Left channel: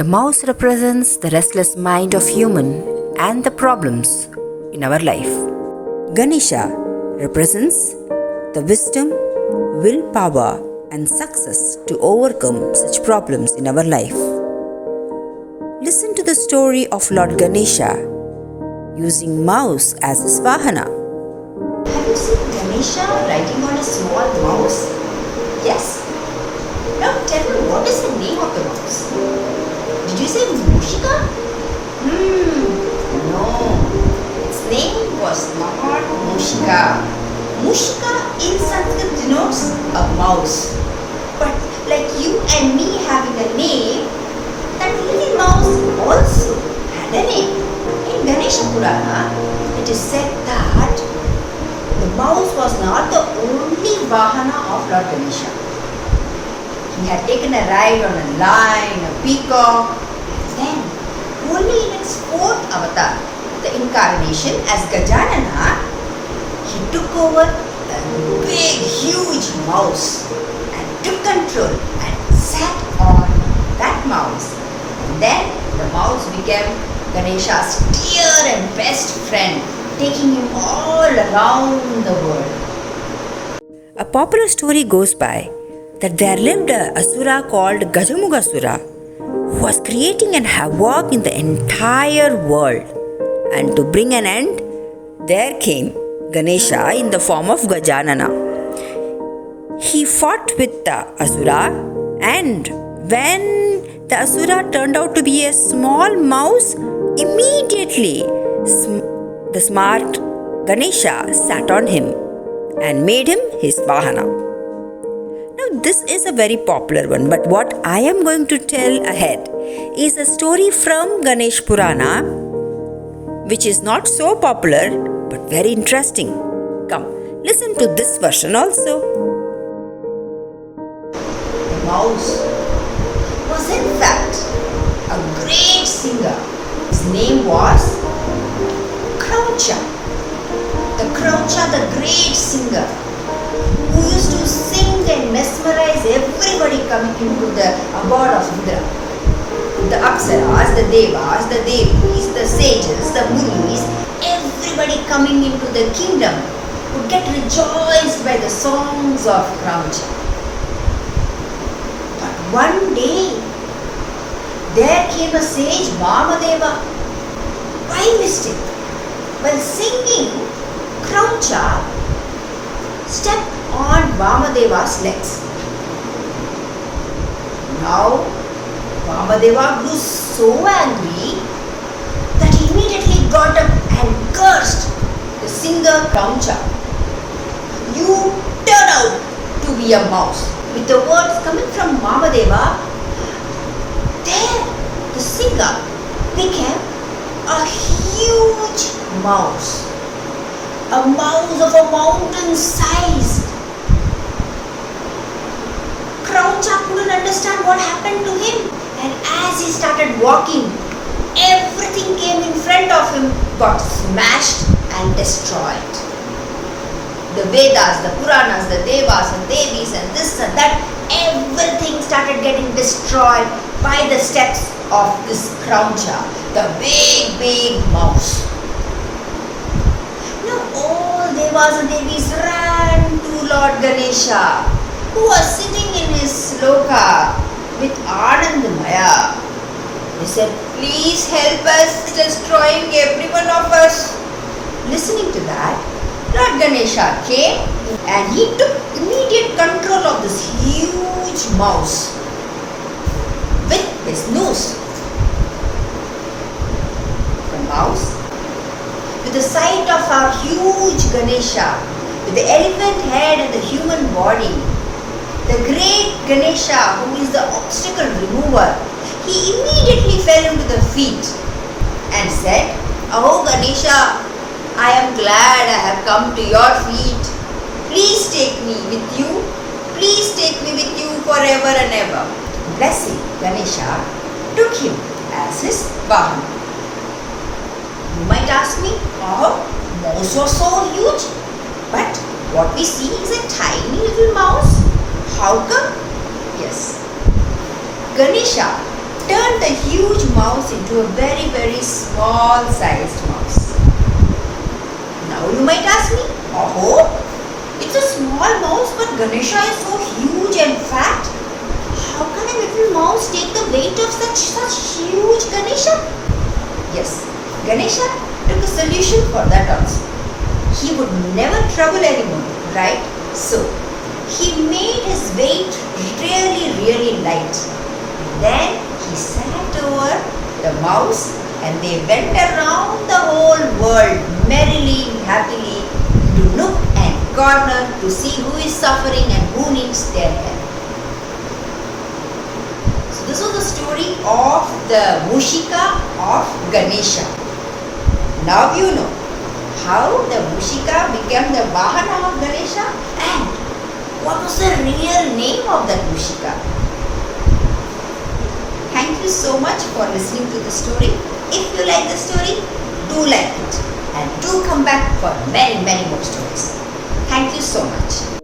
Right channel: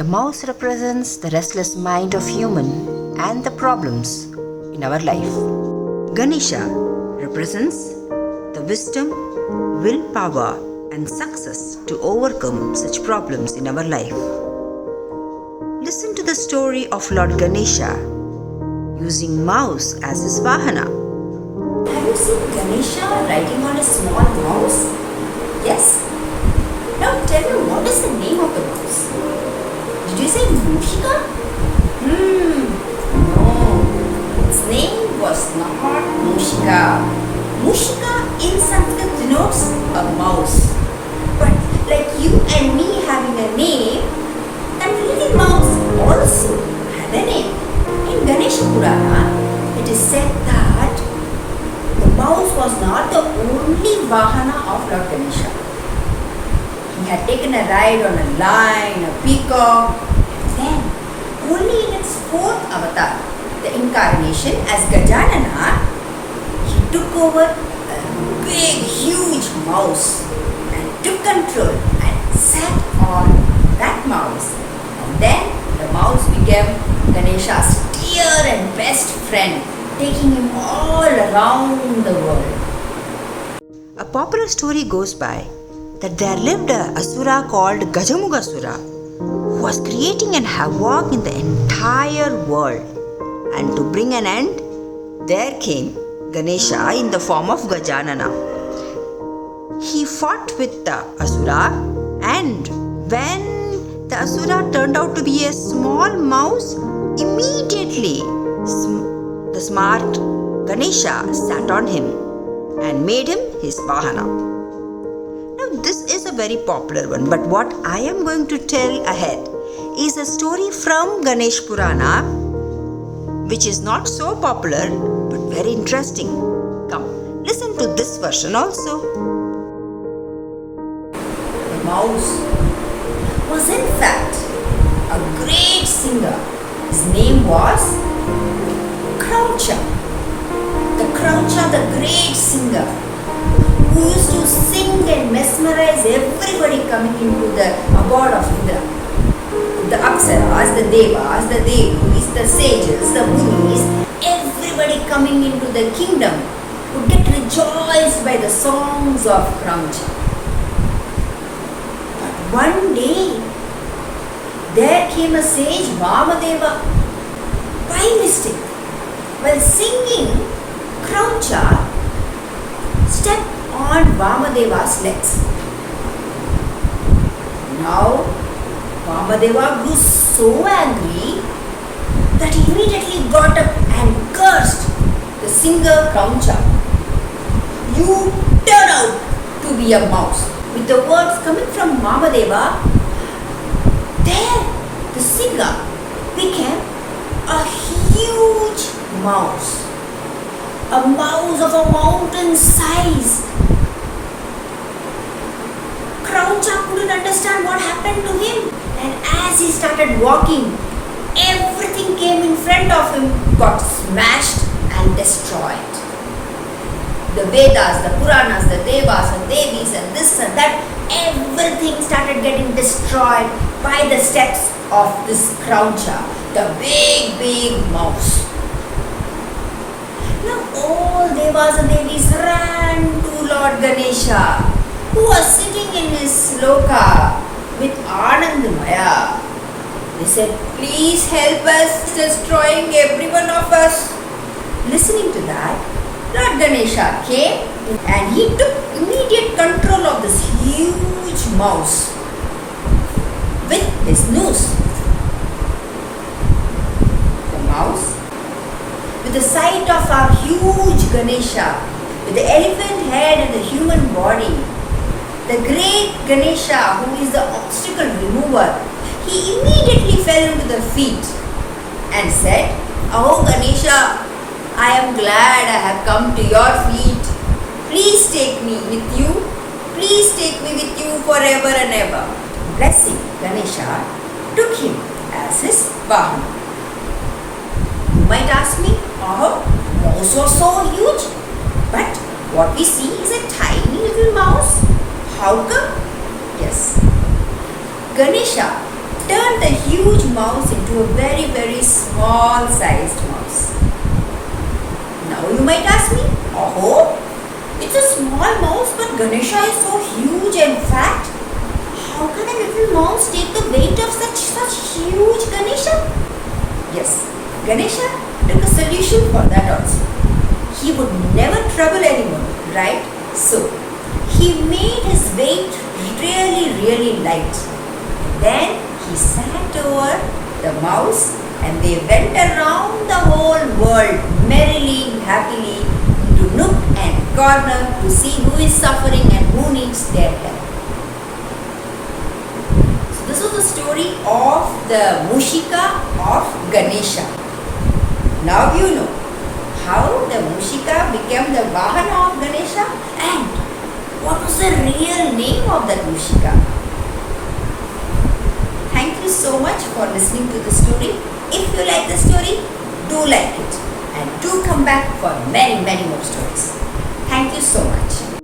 The mouse represents the restless mind of human and the problems in our life. Ganesha represents the wisdom, willpower, and success to overcome such problems in our life. Listen to the story of Lord Ganesha using mouse as his vahana. Have you seen Ganesha riding on a small mouse? Yes. Now tell me, what is the name of the mouse? Did you say Mushika? No. Its name was not Mushika. Mushika in Sanskrit denotes a mouse. But like you and me having a name, that little mouse also had a name. In Ganesha Purana, it is said that the mouse was not the only vahana of Lord Ganesha. He had taken a ride on a lion, a peacock, and then only in its fourth avatar, the incarnation as Gajanana, he took over a big, huge mouse and took control and sat on that mouse. And then the mouse became Ganesha's dear and best friend, taking him all around the world. A popular story goes by that there lived a asura called Gajamugasura who was creating an havoc in the entire world. And to bring an end, there came Ganesha in the form of Gajanana. He fought with the asura, and when the asura turned out to be a small mouse, immediately the smart Ganesha sat on him and made him his vahana. Now, this is a very popular one, but what I am going to tell ahead is a story from Ganesh Purana, which is not so popular but very interesting. Come, listen to this version also. The mouse was in fact a great singer. His name was Croucha. The Croucha, the great singer, who used to sing and mesmerize everybody coming into the abode of Indra. The Apsaras, the Devas, the Devis, the sages, the Munis, everybody coming into the kingdom would get rejoiced by the songs of Croucha. But one day, there came a sage, Vamadeva, by mistake, while singing, Croucha stepped on Vamadeva's legs. Now, Vamadeva grew so angry that he immediately got up and cursed the singer Croucha. You turn out to be a mouse. With the words coming from Vamadeva, there the singer became a huge mouse. A mouse of a mountain size. Croucha couldn't understand what happened to him, and as he started walking, everything came in front of him got smashed and destroyed. The Vedas, the Puranas, the Devas and Devis and this and that, everything started getting destroyed by the steps of this Croucha, the big mouse. Now all Devas and Devis ran to Lord Ganesha, who was sitting in his loka with Anandamaya. They said, please help us, destroying every one of us. Listening to that, Lord Ganesha came and he took immediate control of this huge mouse with his nose. The mouse, with the sight of our huge Ganesha, with the elephant head and the human body, the great Ganesha, who is the obstacle remover, he immediately fell into the feet and said, Oh Ganesha, I am glad I have come to your feet. Please take me with you. Please take me with you forever and ever. Blessing, Ganesha took him as his vahana. You might ask me, oh, mouse was so huge, but what we see is a tiny little mouse. How come? Yes, Ganesha turned the huge mouse into a very, very small sized mouse. Now you might ask me, oh, it's a small mouse, but Ganesha is so huge and fat. How can a little mouse take the weight of such huge Ganesha? Yes, Ganesha took a solution for that also. He would never trouble anyone, right? So, he made his weight really, really light. Then he sat over the mouse and they went around the whole world merrily, happily, to nook and corner to see who is suffering and who needs their help. So this was the story of the Mushika of Ganesha. Now you know how the Mushika became the Vahana of Ganesha and what was the real name of that Mushika. Thank you so much for listening to the story. If you like the story, do like it and do come back for many, many more stories. Thank you so much.